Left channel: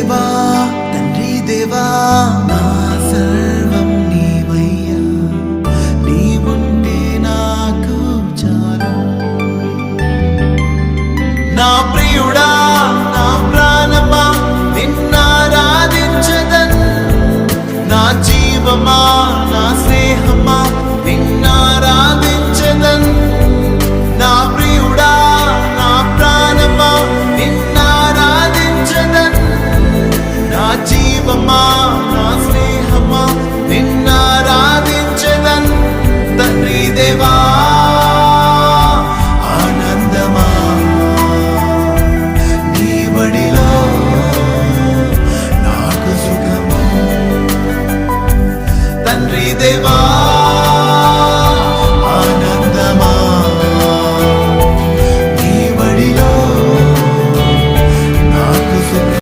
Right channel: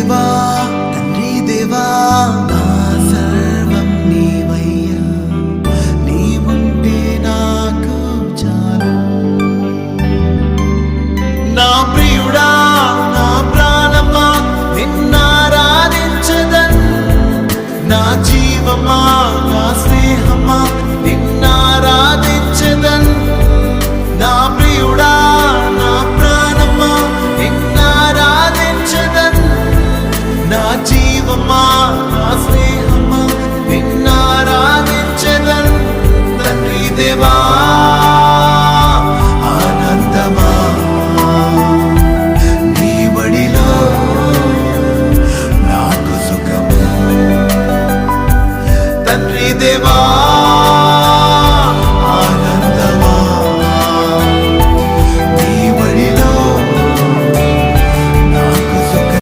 దేవా తండ్రి దేవా నా సర్వం నీవయ్యా, నీవుంటే నాకు చాలు. నా ప్రియుడా నా ప్రాణమా నిన్నారాధించదన్, నా జీవమా నా స్నేహమా నిన్నారాధించదన్. నా ప్రియుడా నా ప్రాణమా నిన్నారాధించదన్, నా జీవమా నా స్నేహమా నిన్నారాధించదన్. తండ్రి దేవా